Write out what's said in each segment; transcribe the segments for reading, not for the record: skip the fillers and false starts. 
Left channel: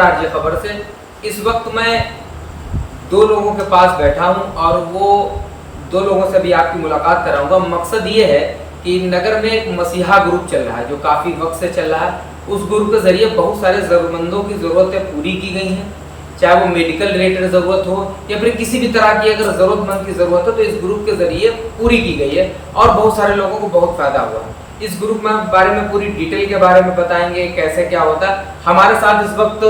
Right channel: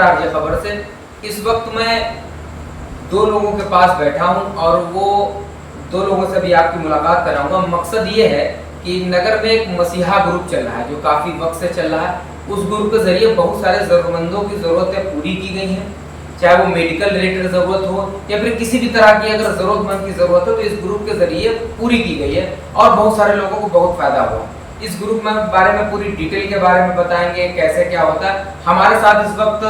नमस्कार आरजे खबर से। इस वक्त मैं दो लोगों के पास बैठा हूं और वो दो लोगों से भी आपकी मुलाकात कराऊंगा। मकसद ये है कि नगर में एक मसीहा ग्रुप चल रहा है जो काफ़ी वक्त से चल रहा है। उस ग्रुप के ज़रिए बहुत सारे ज़रूरतमंदों की ज़रूरतें पूरी की गई हैं, चाहे वो मेडिकल रिलेटेड ज़रूरत हो या फिर किसी भी तरह की अगर ज़रूरतमंद की ज़रूरत हो तो इस ग्रुप के ज़रिए पूरी की गई है और बहुत सारे लोगों को बहुत फ़ायदा हुआ है। इस ग्रुप में बारे में पूरी डिटेल के बारे में बताएंगे, कैसे क्या होता है। हमारे साथ इस वक्त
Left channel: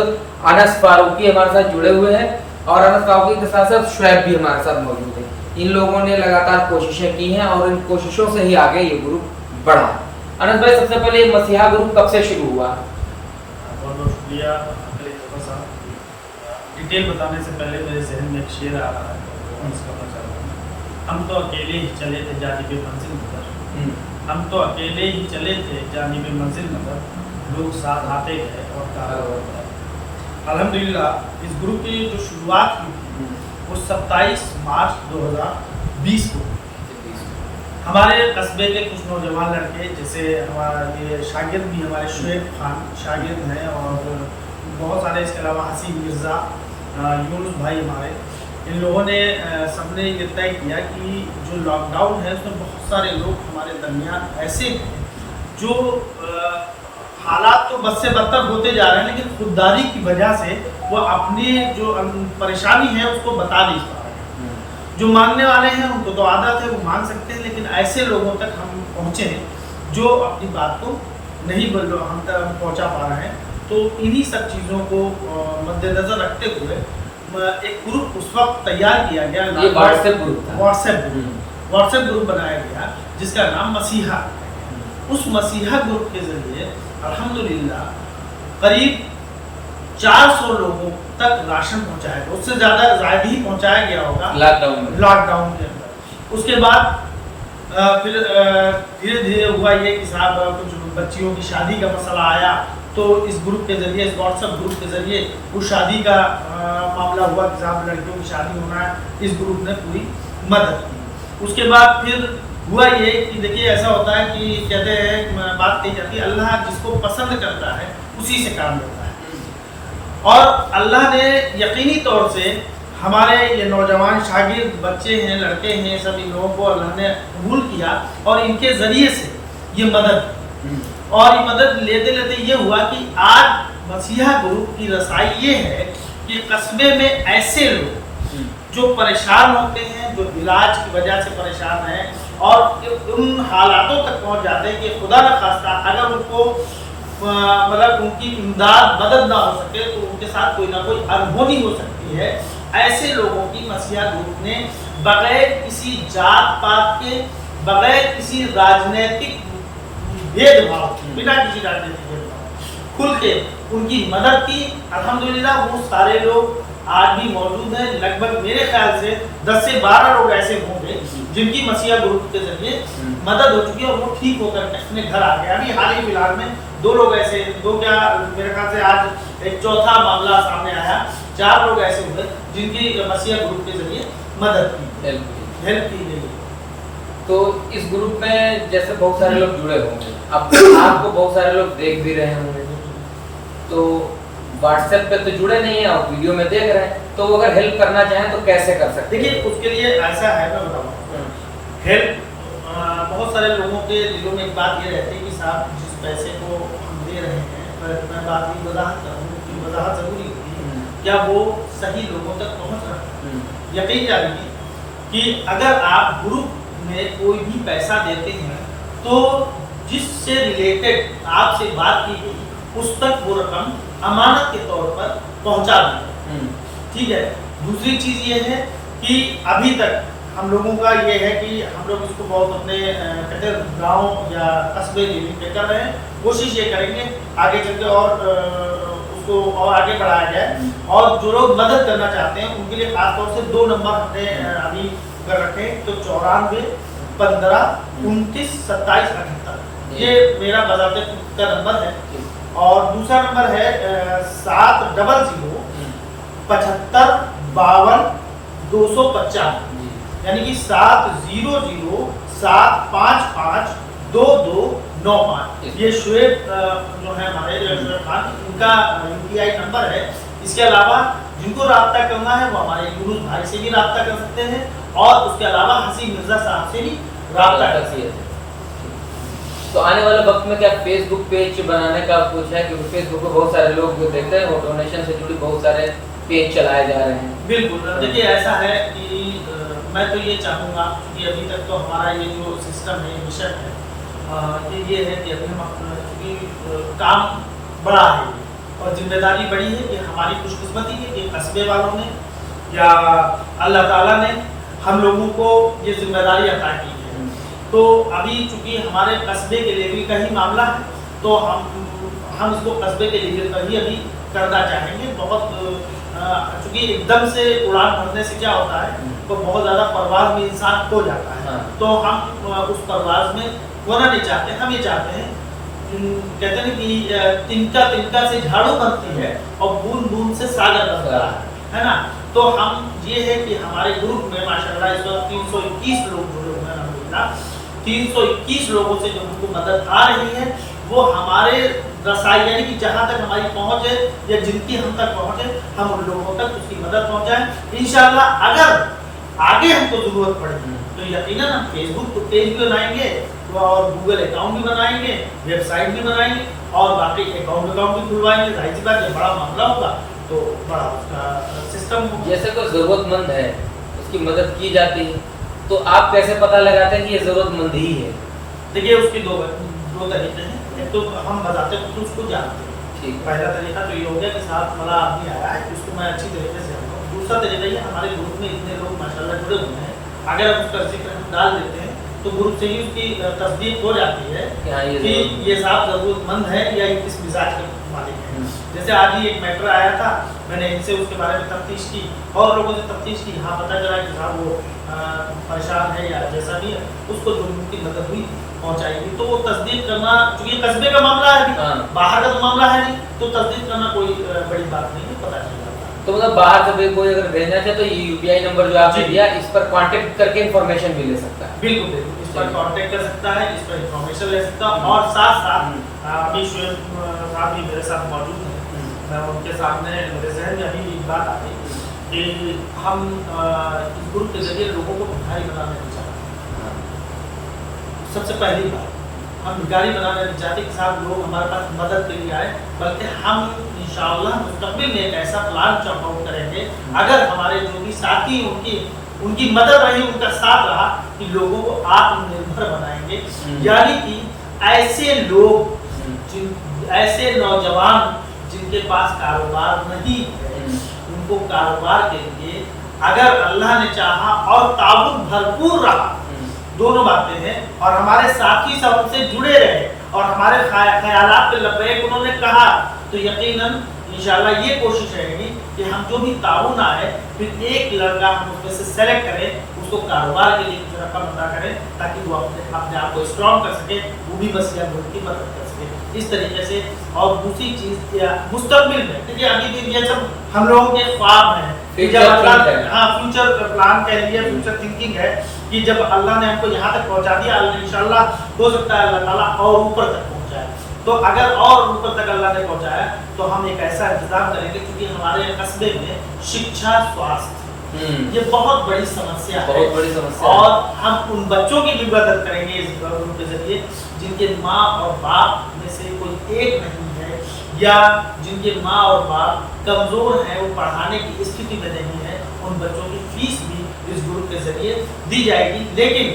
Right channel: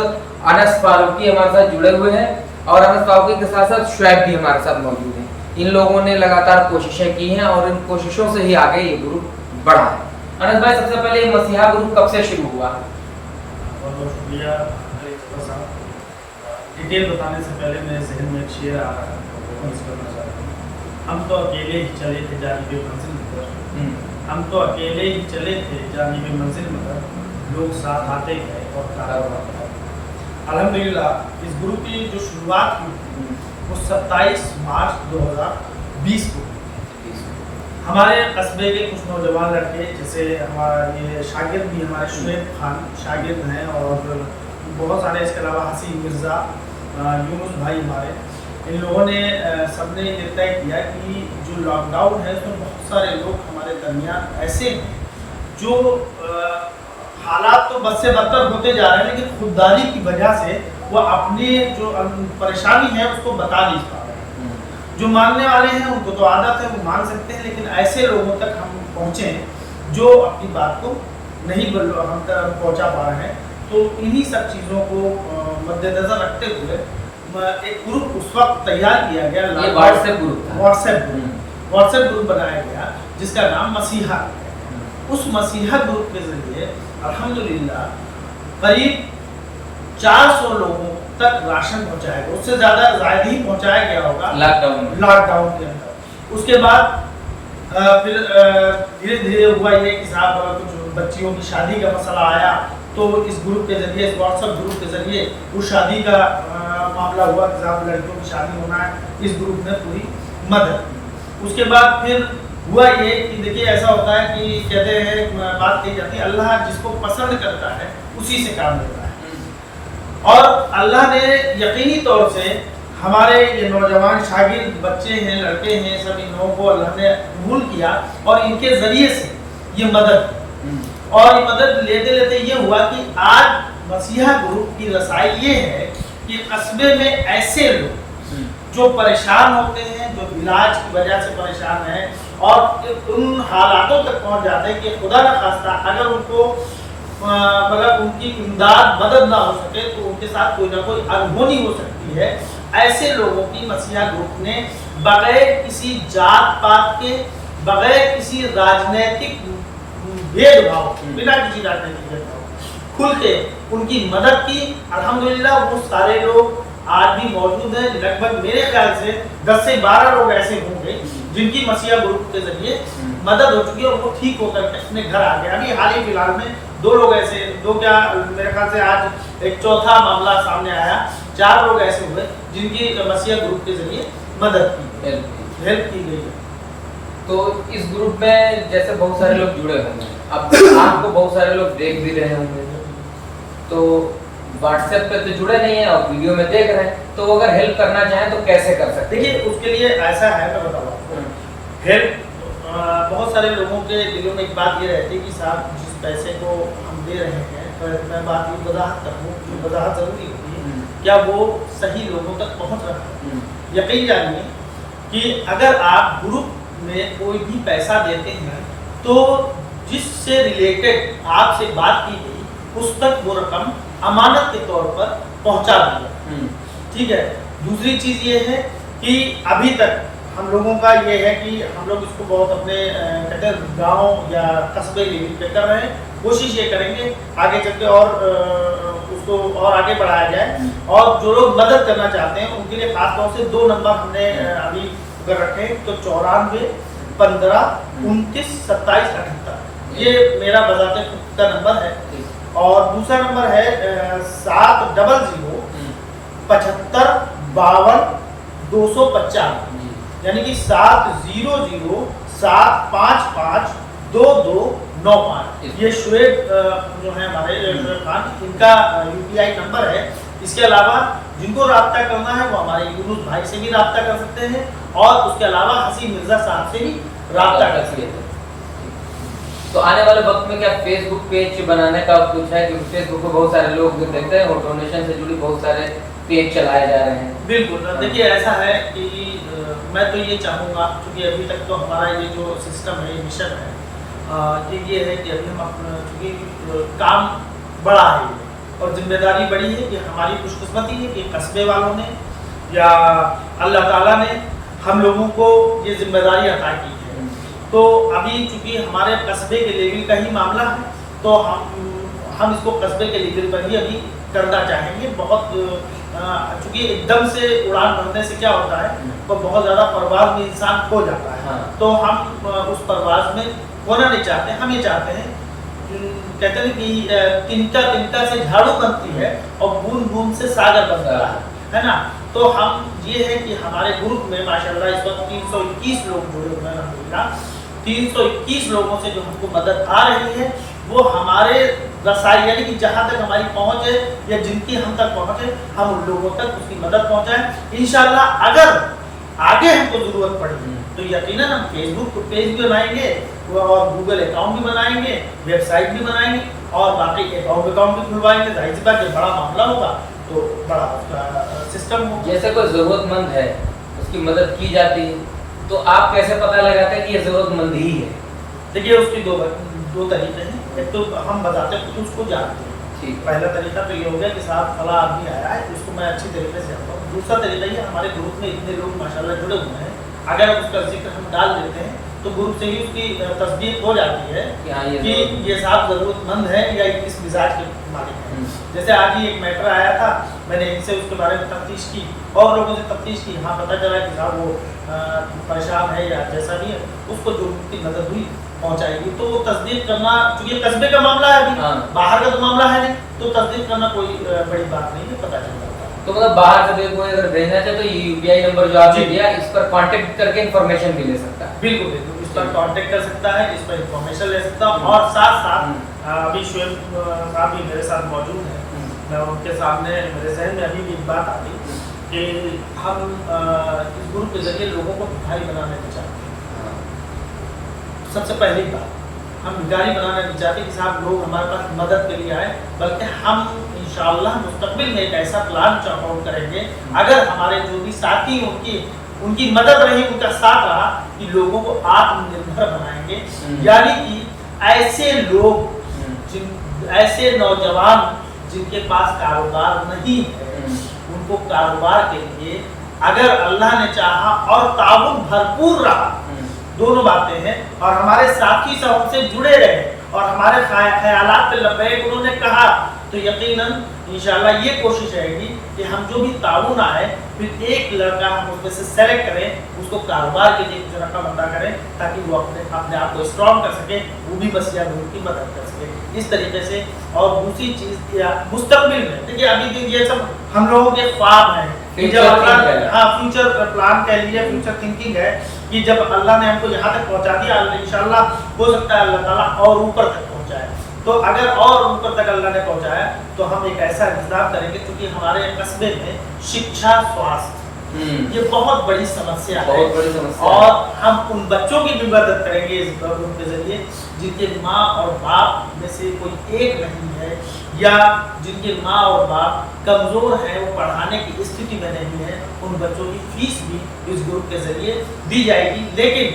अनस फारूकी हमारे साथ जुड़े हुए हैं और अनस फारूकी के साथ साथ शुएब भी हमारे साथ मौजूद है। इन लोगों ने लगातार कोशिशें की हैं और इन कोशिशों से ही आगे ये ग्रुप बढ़ा है। अनस भाई, सबसे पहले ये मसीहा ग्रुप कब से शुरू हुआ? बहुत बहुत शुक्रिया साहब। डिटेल बताने से पहले मेरे जहन में एक शेर आ रहा है, मैं इसका करना चाहता हूँ। हम तो अकेले ही चले थे जानिबे मंजिल मगर, हम तो अकेले ही चले थे जानिबे मंजिल मगर, लोग साथ आते गए और कारवां। अल्हम्दुलिल्लाह इस ग्रुप की जो शुरुआत हुई थी वो 27 मार्च 2020 को हमारे कस्बे के कुछ नौजवान लड़के, जैसे हमारा ये शागिर्द भी हमारे शुएब खान शागिर्द हैं और बहुत सारे, इसके अलावा हसीन मिर्ज़ा, यूनुस भाई हमारे, इन लोगों ने सबने ये तय किया कि जो लॉकडाउन है उसमें बहुत सारे लोग हमारे दरमियान ऐसे हैं जो हालात तो बद से बदतर होते जा रहे हैं, लेकिन खुददारी की वजह से वो अपनी जो परेशानी है उसको बता नहीं पा रहे हैं। जो मांगने वाले हैं उनको तो आदत है, वो मांग सकते हैं, लेकिन ऐसे लोगों तक हम पहुँचे जो अपनी बात को नहीं हम तक पहुँचा पा रहे हैं। तो इन्हीं सब चीज़ों को मद्देनज़र रखते हुए एक ग्रुप उस वक्त तैयार किया गया। ये व्हाट्सएप ग्रुप था। व्हाट्सएप ग्रुप बनाया गया जिसका नाम मसीहा। उस मसीहा ग्रुप के ज़रिए अल्हम्दुलिल्लाह करीब 400 लोगों तक राशन पहुंचाया गया, उससे ज़्यादा ही पहुंचाया गया होगा लॉकडाउन के अंदर। उसके बाद फिर धीरे धीरे हुआ ये कि साहब कुछ बच्चियों की शादी का मसला आया, तो इस ग्रुप के ज़रिए, इस व्हाट्सएप ग्रुप के ज़रिए उस शादी का मामला हुआ कि साहब लड़कियों की शादी होना है, इस ग्रुप ने पूरी मदद की। उसके बाद फिर हुआ ये कि देखिए ऐसा होता है कि कहते हैं, बात कही जाती है, अल्लाह जिसको पसंद करता है उसी से काम लेता है। और अल्लाह ने यकीनी तौर से हमारे ये नौजवान शागिर्द बच्चे हैं, लड़के हैं, सब इन लोगों को अल्लाह ने कबूल किया और इनके ज़रिए से ये मदद, और ये मदद लेते लेते ये हुआ कि आज मसीहा ग्रुप की रसाई ये है कि कस्बे में ऐसे लोग जो परेशान होते हैं, जो इलाज की वजह से परेशान हैं और उन हालातों तक पहुंच जाते हैं कि खुदा न खास्ता अगर उनको मतलब उनकी इमदाद मदद ना हो सके तो उनके साथ कोई ना कोई अनहोनी हो सकती है। ऐसे लोगों की मसीहा ग्रुप ने बगैर किसी जात पात के, बगैर किसी राजनीतिक भेदभाव, बिना किसी राजनीतिक भेदभाव, खुल के उनकी मदद की। अल्हम्दुलिल्लाह वो सारे लोग आज भी मौजूद हैं। लगभग मेरे ख्याल से 10 से 12 लोग ऐसे होंगे जिनकी मसीहा ग्रुप के जरिए मदद हो चुकी है और वो ठीक होकर अपने घर आ गए। अभी हाल ही फिलहाल में 2 लोग ऐसे, मेरे ख्याल से आज एक चौथा मामला सामने आया, 4 लोग ऐसे हुए जिनकी मसीहा ग्रुप के जरिए मदद की, हेल्प की गई। तो इस ग्रुप में जैसे बहुत सारे लोग जुड़े होंगे, अब आपको बहुत सारे लोग देख भी रहे होंगे, तो व्हाट्सएप पे तो जुड़े नहीं है और वीडियो में देख रहे हैं, तो अगर हेल्प करना चाहें तो कैसे कर सकते हैं? देखिए उसके लिए ऐसा है, मैं बताऊँ, हेल्प बहुत सारे लोगों के दिलों में एक बात ये रहती है कि साहब जिस पैसे को हम दे रहे हैं, मैं बात ये वजाहत करूँ, जो वजाहत ज़रूरी होती है, क्या वो सही लोगों तक पहुँच रहा है? यकीन जानिए कि अगर आप ग्रुप में कोई भी पैसा देते हैं तो जिससे रिलेटेड आपसे बात की गई उस तक वो रकम अमानत के तौर पर पहुंचा दी। ठीक है। दूसरी चीज़ ये है कि अभी तक हम लोगों का ये है कि हम लोग इसको बहुत अपने कहते हैं गाँव या कस्बे लेवल पे कर रहे हैं। कोशिश ये करेंगे आगे चल के और उसको और आगे बढ़ाया जाए, और जो लोग मदद करना चाहते हैं उनके लिए खास तौर से 2 नंबर हमने अभी कर रखे हैं, तो 94 15 29 27 78 ये मेरा बजाते खुद का नंबर है। और दूसरा नंबर है 700 75 52 295, यानी कि 700 755 22 95। ये शुएब जो है हमारे शुएब खान, इनका UPI नंबर है। इसके अलावा जिनको रब्ता करना है वो हमारे यूनुस भाई से भी रब्ता कर सकते हैं, और उसके अलावा हसीन मिर्जा साहब से भी रब्ता कर सकते हैं। तो आने वाले वक्त में क्या फेसबुक पेज बनाने का कुछ है, क्योंकि फेसबुक पे बहुत सारे लोग देखते हैं और डोनेशन से जुड़ी बहुत सारे पेज चलाए जा रहे हैं। बिल्कुल, देखिए ऐसा है कि मैं तो ये चाहूँगा, क्योंकि अभी तक तो हमारा ये जो सिस्टम है, ये मिशन है, ये है कि अभी हम क्योंकि काम बड़ा है ये, और जिम्मेदारी बड़ी है कि हमारी खुशकिस्मती है कि कस्बे वालों ने या अल्लाह ताला ने हम लोगों को ये जिम्मेदारी अता की है। तो अभी चूँकि हमारे कस्बे के लेवल का ही मामला है, तो हम इसको कस्बे के लेवल पर ही अभी करना चाहेंगे। बहुत चूँकि एकदम से उड़ान भरने से क्या होता है, तो बहुत ज़्यादा परवाज़ में इंसान खो जाता है। हाँ। तो हम उस परवाज़ में खोना नहीं चाहते, हम ये चाहते हैं, कहते हैं कि तिनका तिनका से झाड़ू बनती है और बूंद बूंद से सागर बनता है ना। तो हम ये है कि हमारे ग्रुप में माशाल्लाह इस वक्त 321 लोग जुड़े हुए हैं अल्हम्दुलिल्लाह। 321 लोगों से जो हमको मदद आ रही है वो हमारे रसाई, यानी कि जहाँ तक हमारी पहुँच है या जिनकी हम तक पहुँच है, हम उन लोगों तक उसकी मदद पहुँचाएं। इंशाल्लाह अगर आगे हमको ज़रूरत पड़ी तो यकीनन हम फेसबुक पेज भी बनाएंगे और गूगल अकाउंट भी बनाएंगे, वेबसाइट भी बनाएंगे और बाकी अकाउंट भी खुलवाएंगे। जाहिर सी बात, जब बड़ा मामला होगा तो बड़ा उसका सिस्टम होगा। जैसे कोई ज़रूरतमंद है, उसकी मदद की जाती है, तो आप कैसे पता लगाते हैं कि ये ज़रूरतमंद ही है? देखिए उसके दो तरीके हैं। एक तो हम बताते हैं खुद उसको जानते हैं। ठीक। पहला तरीका तो ये हो गया कि साहब फला आदमी आया है, उसको मैं अच्छी तरीके से जानता हूँ। दूसरा तरीका ये, हमारे ग्रुप में इतने लोग माशाल्लाह जुड़े हुए हैं, अगर उसका जिक्र हम डाल देते हैं तो ग्रुप से ही उसकी तस्दीक हो जाती है कि ये साहब ज़रूरतमंद है या इस मिजाज के मालिक हैं। जैसे आज ही एक मैटर आया था, मैंने इनसे उसके बारे में तफ्तीश की और लोगों से तफ्तीश की। हाँ, पता चला कि साहब वो परेशान है या जैसा भी है, उसको जो उनकी मदद हुई पहुँचाएगी। तो वो तस्दीक करना, चूँकि कस्बे का मामला है अभी, बाहर का तो मामला है नहीं, तो तस्दीक करना कोई बड़ी बात नहीं है, पता चल जाता है। तो मतलब बाहर से कोई अगर भेजना चाहे तो ये UPI नंबर जो आपने दिया, इस पर कांटेक्ट करके इन्फॉर्मेशन भी ले सकता है। बिल्कुल बिल्कुल, इस पर कांटेक्ट कर सकता है, इस पर इन्फॉर्मेशन ले सकता है। और साथ साथ अभी शुएब साहब भी मेरे साथ मौजूद हैं, मैं उनके सामने, मेरे जहन में अभी भी एक बात आ गई कि हम इस ग्रुप के जरिए लोगों को भिखारी बनाना नहीं चाहते। सबसे पहली बात, हम भिखारी बनाना नहीं चाहते कि साहब लोग हमारे पास मदद के लिए आए, बल्कि हम इंशाअल्लाह मुस्तक़बिल में एक ऐसा प्लान चॉक आउट करेंगे, अगर हमारे जो भी साथी उनकी मदद रही, उनका साथ रहा, कि लोगों को आत्मनिर्भर बनाएंगे। यानी कि ऐसे लोग, ऐसे नौजवान जिनके पास कारोबार नहीं है, उनको कारोबार के लिए अगर अल्लाह ने चाहा और ताउन भरपूर रहा, दोनों बातें हैं, और हमारे साथी सब हमसे जुड़े रहे और हमारे ख्यालात पे लबैक उन्होंने कहा, तो यकीनन इंशाल्लाह ये कोशिश रहेगी कि हम जो भी ताउन आए, फिर एक लड़का हम उसमें से सेलेक्ट करें, उसको कारोबार के लिए कुछ रकम अदा करें, ताकि वो अपने आप को स्ट्रॉन्ग कर सके, वो भी मसीहा ग्रुप की मदद कर सके इस तरीके से। और दूसरी चीज़ या मुस्तकबिल में, देखिए अभी ये सब हम लोगों के ख्वाब हैं, जब अल्लाह, हाँ, फ्यूचर प्लान कह लीजिए, फ्यूचर थिंकिंग है कि जब अल्लाह ने हमको यहाँ तक पहुँचा दिया, इंशाल्लाह हो सकता है अल्लाह ताला और ऊपर तक पहुँचाए। तो अगर और ऊपर तक अल्लाह ने पहुँचाया तो हम एक ऐसा इंतजाम करेंगे, क्योंकि हमारे कस्बे में शिक्षा, स्वास्थ्य ये बहुत बड़ी समस्या है, और हम उन बच्चों की भी मदद करेंगे इस ग्रुप के जरिए जिनके माँ और बाप में से कोई एक नहीं है, या जिनके माँ और बाप कमज़ोर हैं, वो पढ़ाने की स्थिति में नहीं है। उन बच्चों की फीस भी इस ग्रुप के जरिए दी जाएगी। लेकिन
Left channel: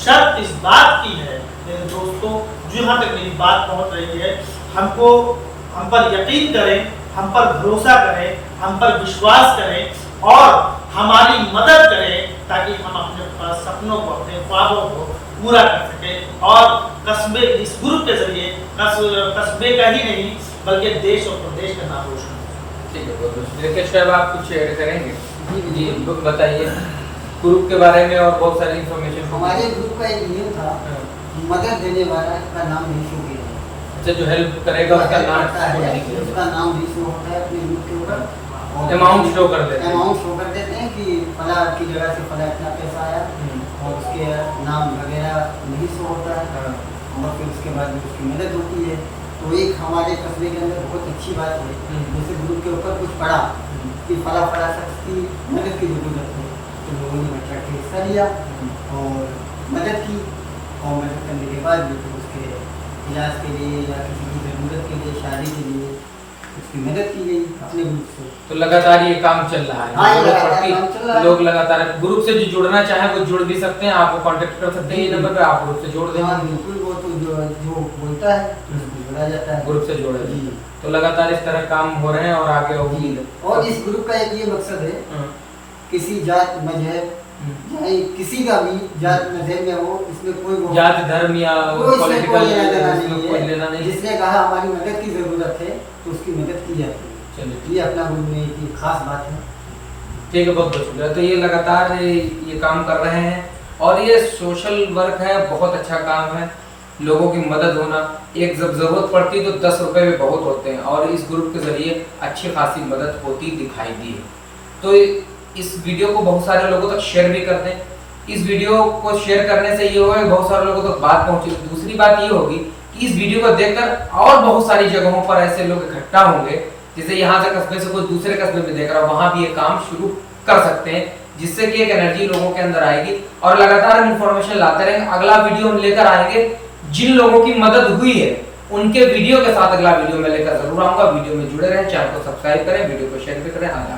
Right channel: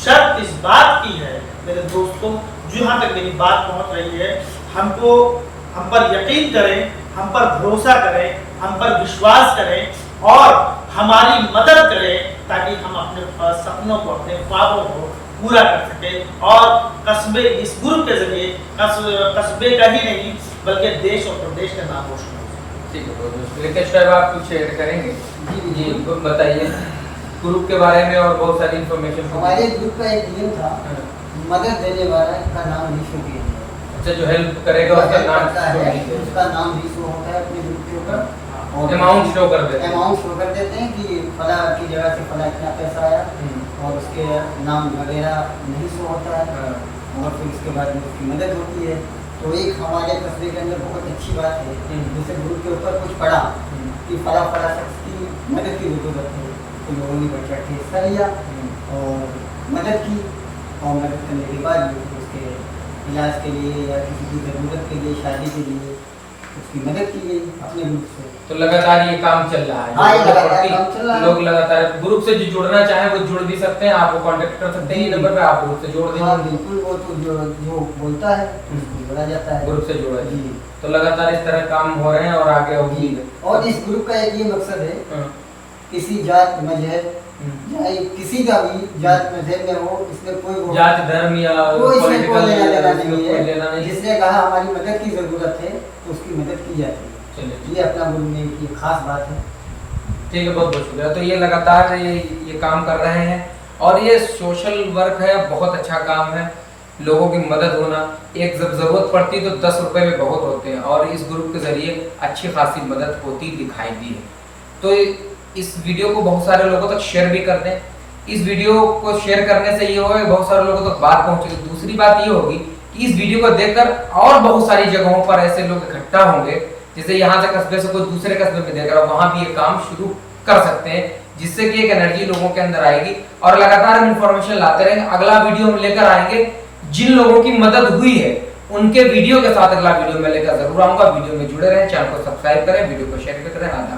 शर्त इस बात की है मेरे दोस्तों, जहाँ तक मेरी बात पहुँच रही है, हम पर यकीन करें, हम पर भरोसा करें, हम पर विश्वास करें और हमारी मदद करें, ताकि हम अपने सपनों को, अपने ख्वाबों को पूरा कर सकें, और कस्बे, इस ग्रुप के जरिए कस्बे का ही नहीं बल्कि देश और प्रदेश का नाम रोशन हो। ठीक है, साहब आप कुछ ऐड करेंगे? जी बताइए ग्रुप के बारे में और बहुत सारी इन्फॉर्मेशन। हमारे ग्रुप का एक नियम था, मदद देने वाला का नाम नहीं शो किया जाए। अच्छा, जो हेल्प करेगा उसका नाम भी शो होता है अपने ग्रुप के ऊपर, और अमाउंट शो कर देते हैं। अमाउंट शो कर देते हैं कि फला की जगह से फला इतना पैसा आया, और उसके नाम वगैरह नहीं शो होता है। और फिर उसके बाद में उसकी मदद होती है। तो एक हमारे कस्बे के अंदर बहुत अच्छी बात है, जैसे ग्रुप के ऊपर कुछ पड़ा कि फला शख्स की मदद की ज़रूरत है, तो लोगों ने बच्चा के हिस्सा लिया और मदद की, और मदद करने के बाद भी उसके इलाज के लिए या किसी की ज़रूरत के लिए, शादी के लिए उसकी मदद की गई अपने ग्रुप से। तो लगातार ये काम चल रहा है। हाँ, ये जरूरत लगातार पड़ती, काम चल रहा है। लोग लगातार ग्रुप से जो जुड़ना चाहे वो जुड़ भी सकते हैं, आपको कांटेक्ट कर सकते हैं, ये नंबर पे आप ग्रुप से जोड़ हाँ देंगे। बिल्कुल, वो तो जो बोलता है उसको जोड़ा जाता है, ग्रुप से जोड़ा जी। तो लगातार इस तरह काम हो रहे हैं और आगे होगी। और इस ग्रुप का एक ये मकसद है, किसी जात मजहब चाहे किसी का भी जात मजहब में हो, इसमें कोई जात धर्म या कोई इसमें कोई लेना देना कोई लेना नहीं है। नहीं। जिसने कहा हमारी मदद की ज़रूरत है तो उसकी मदद की जाती है। चलिए ये अपना ग्रुप में एक खास बात है। ठीक है, बहुत बहुत शुक्रिया। तो ये लगातार ये काम कर रहे हैं और ये सोशल वर्क है, बहुत अच्छा काम है, लोगों की मदद होना। एक जब ज़रूरत पड़ती है तो 10 रुपए में बहुत होते हैं और इस ग्रुप के ज़रिए अच्छी खासी मदद होती दिखाई दी है। तो इस वीडियो को बहुत सारे लोगों तक शेयर भी कर दें। इस वीडियो को शेयर करने से ये होगा कि बहुत सारे लोगों तक बात पहुंचेगी। दूसरी बात ये होगी कि इस वीडियो को देखकर और बहुत सारी जगहों पर ऐसे लोग इकट्ठा होंगे, जैसे यहाँ से कस्बे से कोई दूसरे कस्बे में देख रहा हो, वहां भी ये काम शुरू कर सकते हैं, जिससे कि एक एनर्जी लोगों के अंदर आएगी और लगातार हम इन्फॉर्मेशन लाते रहेंगे। अगला वीडियो हम लेकर आएंगे जिन लोगों की मदद हुई है उनके वीडियो के साथ अगला वीडियो में लेकर जरूर आऊंगा। वीडियो में जुड़े रहें, चैनल को सब्सक्राइब करें, वीडियो को शेयर भी करें। आधा